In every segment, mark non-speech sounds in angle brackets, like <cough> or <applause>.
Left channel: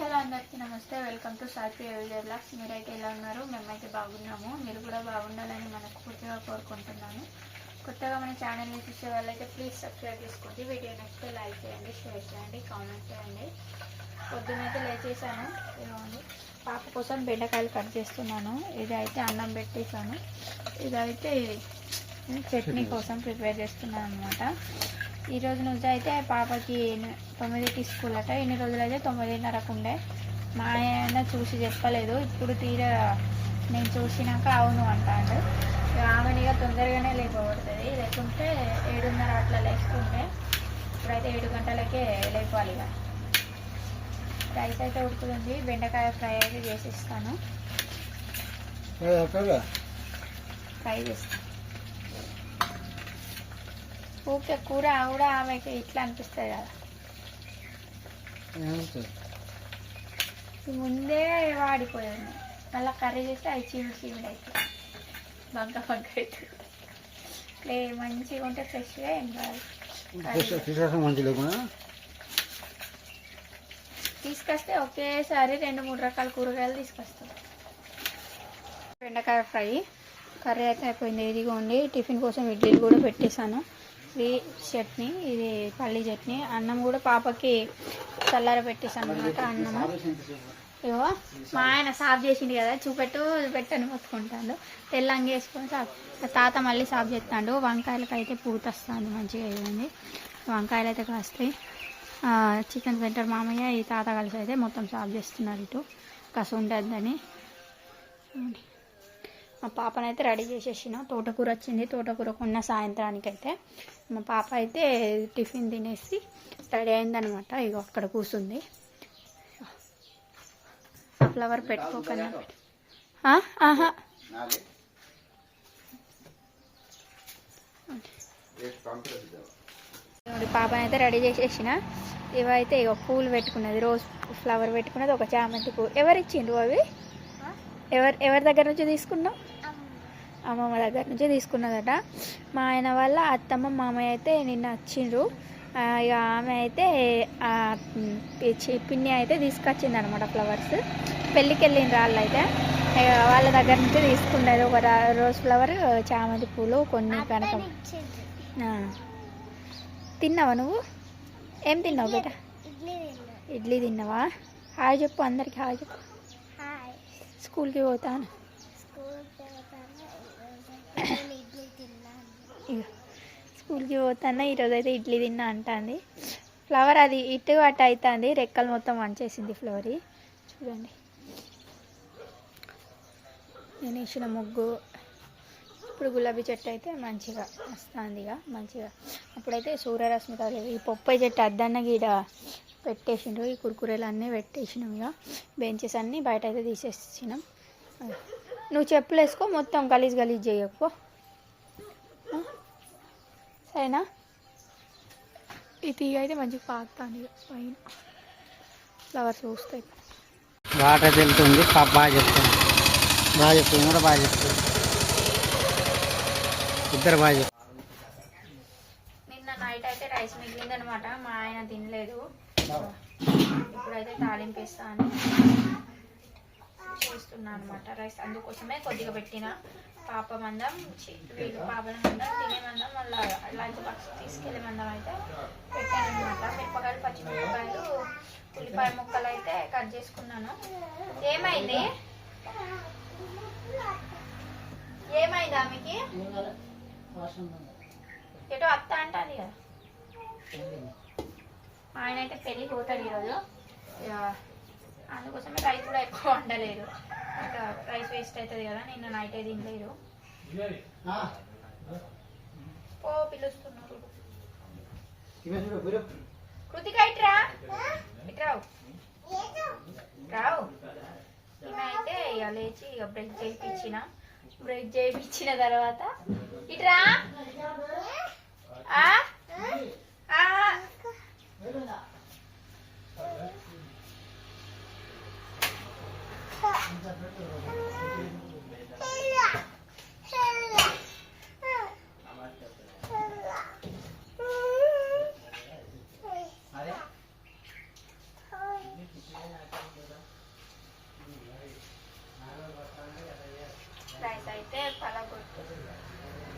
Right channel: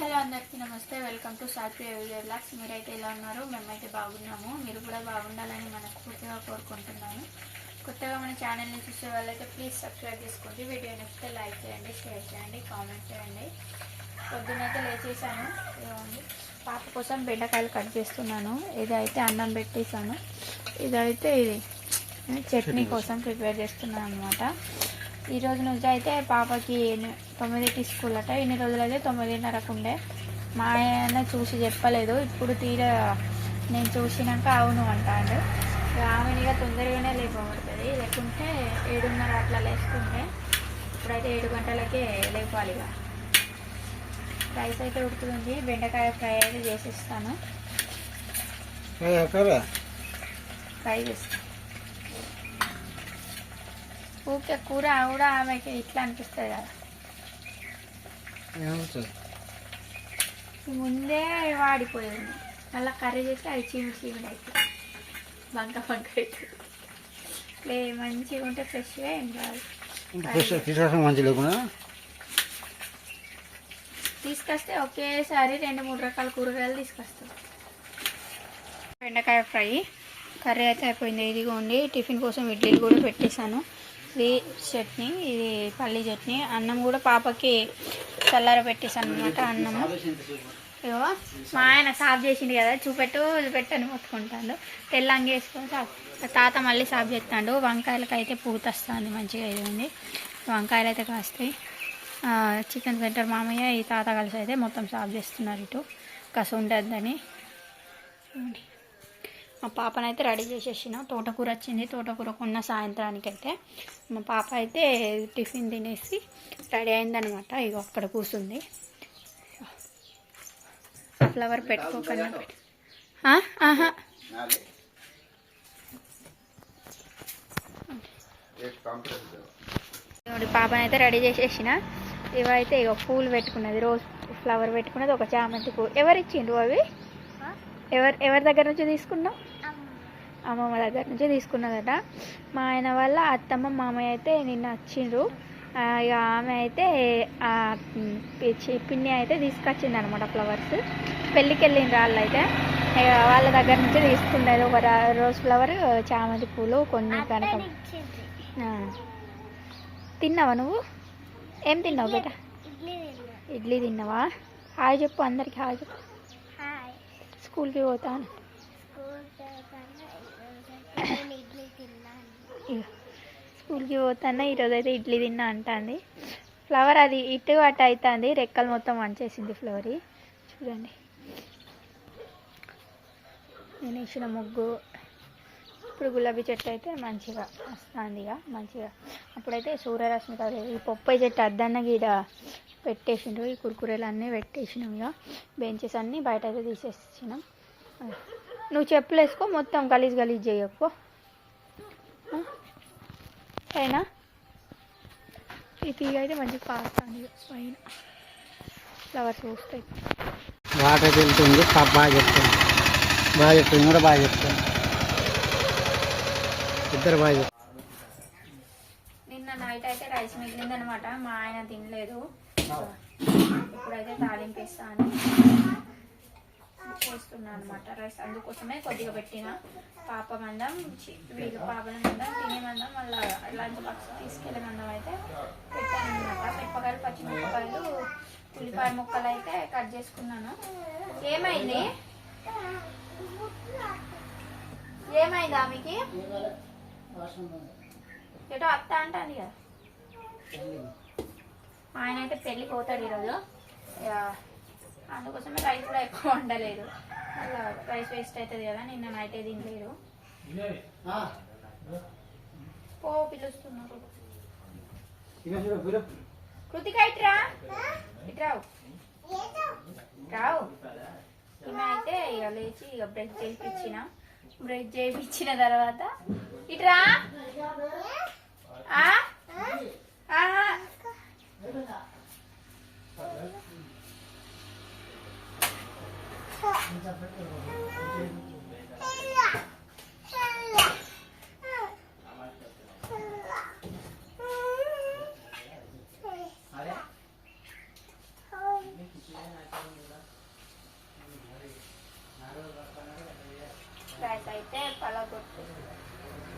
Hello అందరికీ నమస్తే. Welcome to సాత్విక విజయ్ బ్లాగ్స్ మీరైతే ఎలా ఉన్నారు? మేమైతే బాగున్నాము. మీరు కూడా బాగుండాలని మనస్ఫూర్తిగా కోరుకుంటున్నాను. కొత్తగా మన ఛానల్ని చూసే వాళ్ళైతే ప్లీజ్ సబ్స్క్రైబ్ చేసుకోండి. వీడియో నచ్చితే లైక్ చేయండి షేర్ చేయండి కామెంట్ చేయండి. పొద్దునైతే లేచేసాను పాప కోసం బెండకాయలు కట్ చేస్తున్నాను. ఇదైతే అన్నం పెట్టేసాను ఇదైతే చట్నీ కోసం. ప్రిపేర్ చేస్తున్నాను అనమాట ఈ రోజు నుంచి అయితే పాపకి తొమ్మిదికి స్కూల్ అట ఇన్ని రోజులు అయితే తొమ్మిదిన్నరకు ఉండే మా ఆయన చూసి చెప్పలేదు. ఇప్పుడు తీరా నేను చూసినాక అవును అంటాడు. ఇక ఆమెనిగా తొందరగానే లేపబడుతుంది. లేకుంటే ఏడున్నర అట్లా లేస్తుంటే ఇప్పుడైతే ఏడు గంటలకే లేపాలి ఇక. రైస్ అయితే ఉడుకుతుంది. బెండకాయ ఫ్రై అయితే చేసిస్తాను. ఫ్రై చేస్తాను. ఊకే కూర కూడా ఆమెకి ఇట్లా అనిపిస్తుంది కదా. ముందే వాడిపోయింది. మళ్ళీ కర్రీ చేస్తే అది చీమిడి చీమిడి అవుతుంది బంక బంక అవుతుంది మంచిగా ఉంటే ఫ్రెష్గా ఏం కాదు. తీసుకొస్తే ఒకేసారి రెండు మూడు రకాల కూరగాయలు తీసుకొస్తాం. బెండకాయ ఫ్రై. కర్రీ అయితే అయిపోయింది. ఇదిగోండి టిఫిన్ కోసం ఇడ్లీలు కూడా పెట్టేశాను. ఇది చట్నీ ఇది పల్లి చట్నీ అన్నం కూడా పాపకి చల్లార పెట్టేసాను అనమాట అన్నము. ఇగో మా ఆయన సాఫ్ చేసిండు కదా చూపెట్టు పెట్టను మొత్తుకుంటాడు తెల్లంగి వేసుకొని సాఫ్ తాత మళ్ళీ సాఫ్ చేస్తాడు. వంకాయలకు అయితే పూత వస్తుంది మంచిగా ఇదండి వంకాయలు అయితే కాస్తాయి. చికెన్ సెంటర్ మామయ్య ఈ తాత కలిసి అయితే మొత్తం సాఫ్ చేస్తున్నారు ఇటు. కసు ఉండద్దని చూడండి. మా పాపనైతే రెడీ చేసేసిన. తోటకూర వచ్చింది. తోటకూర కొన్న సాయంత్రానికి అయితే మా పాప అయితే టిఫిన్ తినేసి రెడీ అయిందనమాట ఇగో అక్కడ కూర్చుంది. ఆ ఫ్లవర్ పెట్టుకోకన్నా పెట్టు ఆ? ఆహా. పాపనైతే రెడీ చేసేసిన. ఇవైతే ఇక పూలు పెట్టుకున్నది. రోజ్ ఫ్లవర్ పెట్టుకున్నది. ఒక చామంతి పువ్వు. ఎవరు ఇచ్చిండ్రు అవి? ఎవరు ఎవరి దగ్గర నుంచి తీసుకున్నావు? అమ్మమ్మ. దగ్గర నుంచి తీసుకున్నదట. మా ఆయన వాళ్ళ అత్తమ్మ మామయ్య అయితే నిన్న వచ్చిండ్రు. ఇక ఆమె అయితే పిన్ని అయితే తీసుకొచ్చింది అనమాట ఫ్లవర్స్. పెళ్ళికి వెళ్ళిండ్రు వాళ్ళు అయితే ఇక వాళ్ళ దగ్గర నుంచి తీసుకున్నది ఒక రోజ్ ఫ్లవర్ చామంతి పూలు కొన్ని కనకం. తిన్నావా నువ్వు? ఏం తిన్నావు బేట? ఇడ్లీ తిన్నావా? హాయ్ చెప్పు అందరికి హాయ్ చెప్పు. స్కూల్కి పోతాను. స్కూల్కి <coughs> పోతాను? ఈరోజు అయితే ఇడ్లీ తిన్నా అంటుంది. ఫ్లవర్ అది ఇటు అటు అవుతుంది రెక్కలు మొత్తం వంచేసింది ఫ్లవర్. చూడండి. నేను వేసిన ముగ్గు. ఇప్పుడు గులాబీ చెట్టు అయితే మంచిగా వస్తుంది ఇక మంచిగా. అప్పుడైతే సూర్యరశ్మి తగలేదు ఈ పొప్పాయి చెట్టు అద్దన్న గీడ పెట్టేసిండ్రు. ఈ కురుకురేలు అన్నీ పెట్టేసినాం ఇక బెంచెస్ అన్నీ బయట అయితే తీసేసినాం. నువ్వు చెప్పులు వేసుకో మొత్తం గలీజ్ గలీజ్ చేయకు. ఆ? సరేనా? ఈ తీగ అయితే మంచిగా పాస్తాను ఇక పైన. ఫ్లవర్స్ పూస్తాయి. వాటర్ వెళ్తుంది పాప బాగా చెప్తుంది. బాగా చెప్తుంది కూడా బాగా చెప్తుంది. ఇద్దరు బాగా చెప్తారు నిన్న నైట్ అయితే రైస్ మిగిలిందనమాట. మా ఆయన తినలేదు. ఇప్పుడైతే తాలింపు వేస్తాను. చేస్తున్నా అనమాట రైస్ అందుకోసమే కొద్దిగా పెట్టిన పాప మందం వీళ్ళు పాపల మందం తినే మందం మళ్ళీ లంచ్ బాక్స్ తీసుకెళ్ళే మందం అయితే పెట్టాను అనమాట మిరపకాయలు పచ్చిమిరపకాయలు ఉల్లిపాయ ముక్కలు అయితే కట్ చేసుకున్నాను. ఏమైంది? ఏమైంది ఆమెకి? ఎటో అత్త అంటాను కదా. మా ఆయన అయితే పెళ్ళికి పోతాడు ఈరోజు అందుకోసమే రైస్ కూడా ఎక్కువ వండలేదు. అట్లా రైస్ వేస్ట్ అవుతుంది కదా నిన్న నైట్ తినలేదు. పో పిలుస్తున్నారు. కృతిక ఇట్రా ఇట్రావు రావు. ఈమె అయితే ఇక లేచి ఇక బ్రష్ చేయించిన. బ్రష్ చేయించిన తర్వాత ఇట్రా రైస్ అయితే పలగొట్టు.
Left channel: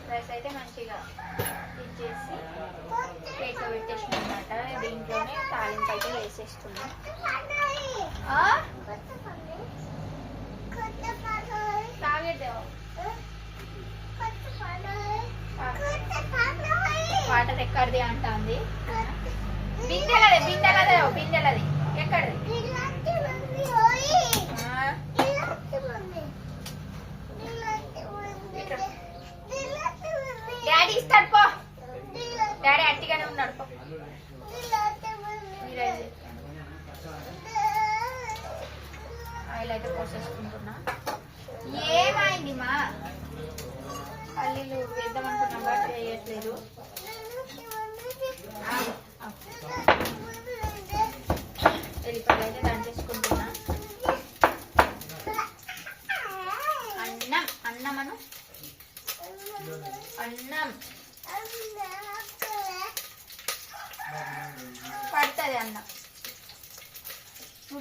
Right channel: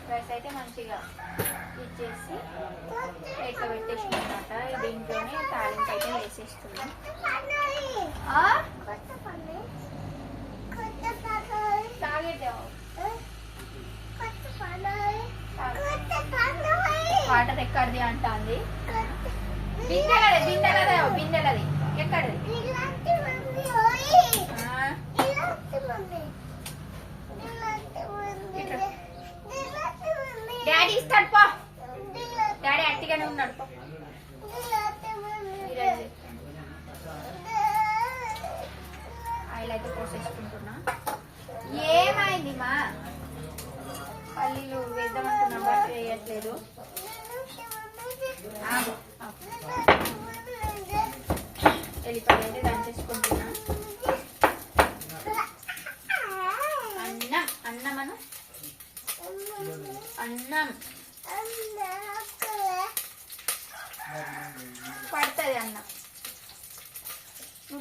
రైస్ అయితే మంచిగా ఇచ్చేసి ప్లేట్లో పెట్టేసిన అనమాట దీంట్లోనే తాలింపు అయితే వేసేస్తున్నాం. వాటర్ ఎక్కడిది అంటుంది? బిందెలది బిందెలదే బిందెలది. ఎక్కడిది? డాడీ ఇస్తాడు పో. డాడీ అట్టిగానే ఉన్నాడు పో. ఆయిల్ అయితే పోసేసుకుంటున్నా. ఏమైంది మా పల్లీలు వేద్దామనుకున్నాం బట్ వేయట్లేదు. ఎల్లిపాయలు అయితే దంచేసుకుంటున్నా. అన్నం అన్నం అను అన్నం. పడుతుంది అన్నం.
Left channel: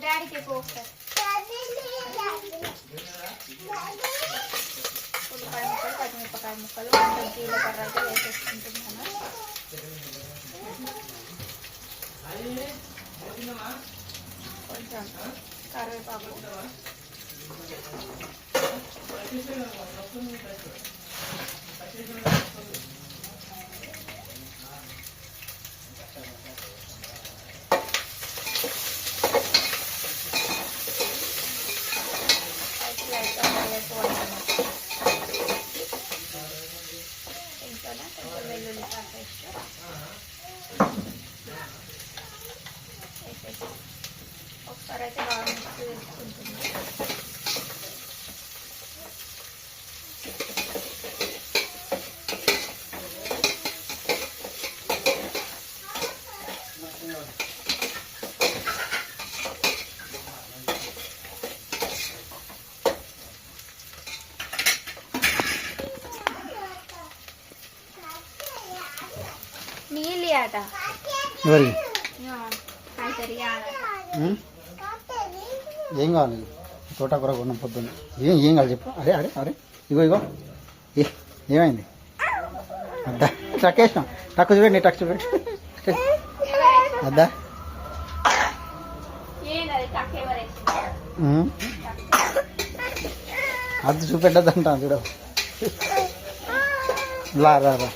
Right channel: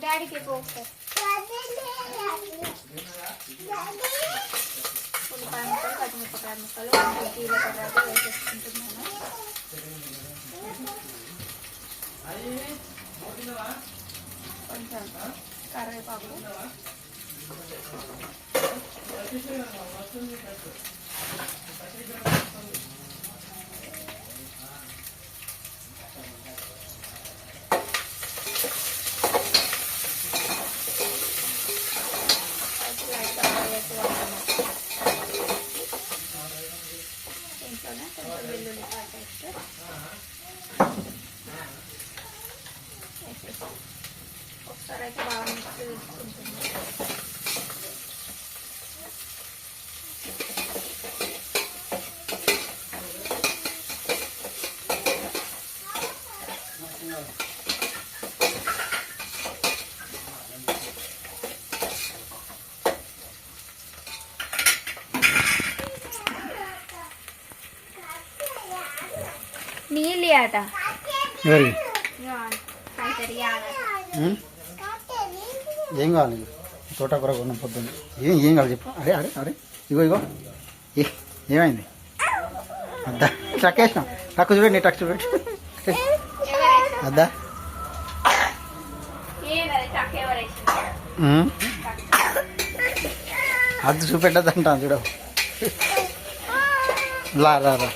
డాడీకి పో ఒకసారి ఉల్లిపాయ ముక్కలు పచ్చిమిరపకాయ ముక్కలు కొంచెం జీలకర్ర అయితే వేసేసుకుంటున్నాను కొంచెం కరివేపాకు లైట్గా ఎక్కువ ఇంట్లోనే కొంచెం వెల్లుల్లి పేస్ట్ వేసేసి ఒకసారి అయితే బాగా మిక్స్ చేసుకుంటున్నాం నీళ్ళు ఆట ఎవరికి ఉం? ఏం కావాలి? తోటకూర కొన్న పొద్దున్న. ఏం ఏం కావాలి చెప్పు. అరే అరే అరే. ఇగో ఇగో. ఏ- ఏమైంది? అద్దా. ట్రక్ వేసినాం ట్రక్ చూడండి ట్రక్ చూడండి అద్దా? అద్దు చూపెట్టద్దు అంటాను చూడ. లా రా రా